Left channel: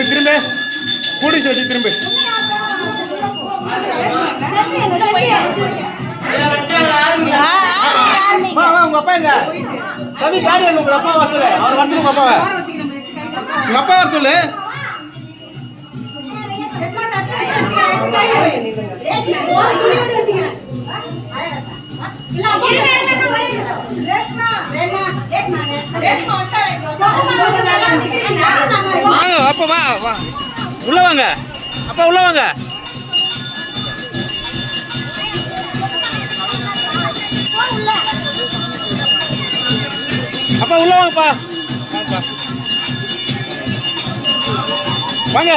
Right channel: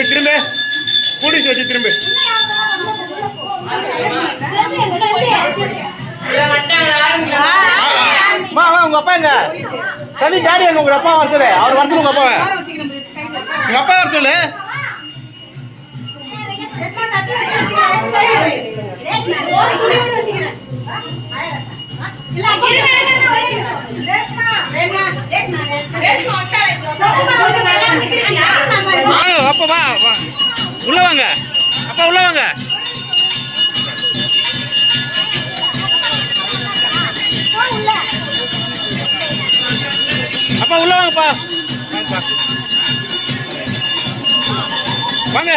திரும்ப கூடி வச்சு திரும்ப உங்க அப்பா எங்க சரி டாடி உங்க அப்பா வர சொல்லு அவர் வந்து உங்க அப்பாவை உங்க அப்பா வர சொல்லு அப்பா வா வா உள்ள வாங்க அப்பா உள்ள வாங்க அப்பா உள்ள வாங்கப்பா வாங்கப்பா வாங்க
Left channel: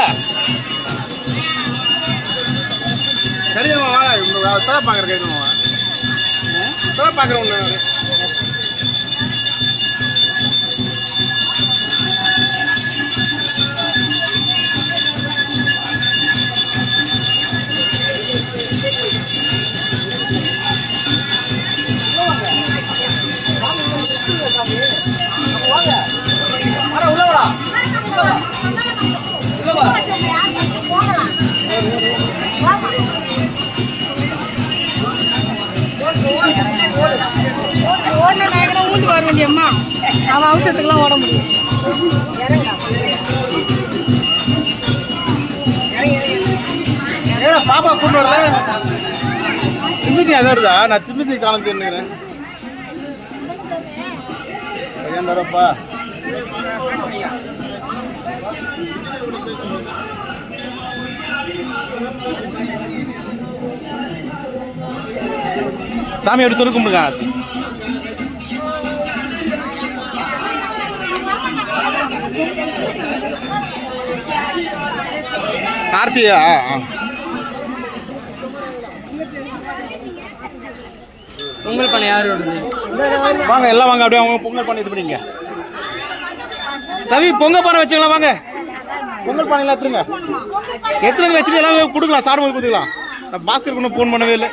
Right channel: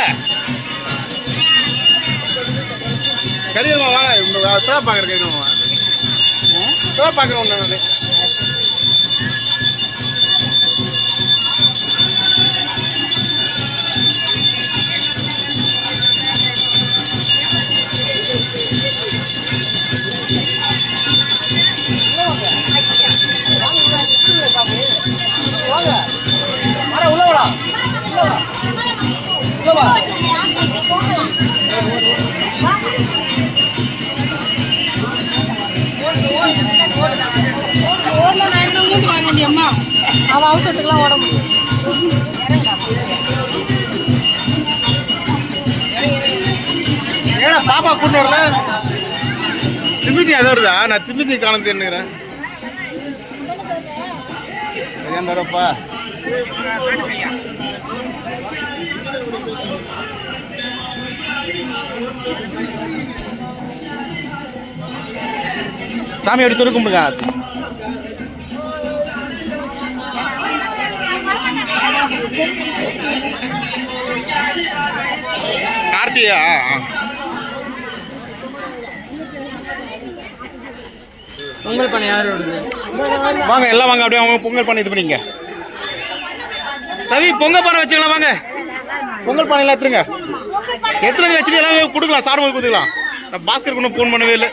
கடிதமா வாங்க சோப் பார்க்குற கடிதமா சோப் பார்க்குறவங்க ஊட்டி வர வேண்டிய அம்மா அவ அவசரத்துக்குலாம் ஓட முடியும். ஏன்னா பாப்பா கூட்டு வரல திமித்தி அது வருதா நான் திமித்தி காலம் தெரிஞ்சுக்கிறேன் சரியாண்டாரப்பா சாமி எடுத்து கும்பிடுங்க கார்த்திகா பொங்கல் பண்ண யாரு வாங்க எல்லாம் வாங்க அப்படியே அவங்க பொங்கல் பண்ணி இது பண்ணிங்க சவி பொங்கல் பானை வச்சுக்கலாம் வாங்க பொங்கல் பானை எல்லாம் எடுத்துருங்க வச்சுட்டு எல்லாம் கொடுக்கலாம் சாப்பிடும்போது கொடுத்துக்கலாம் நான் பாஸ்கருக்கு ஒன்றும் ஃபோன் பண்ணவே இல்லை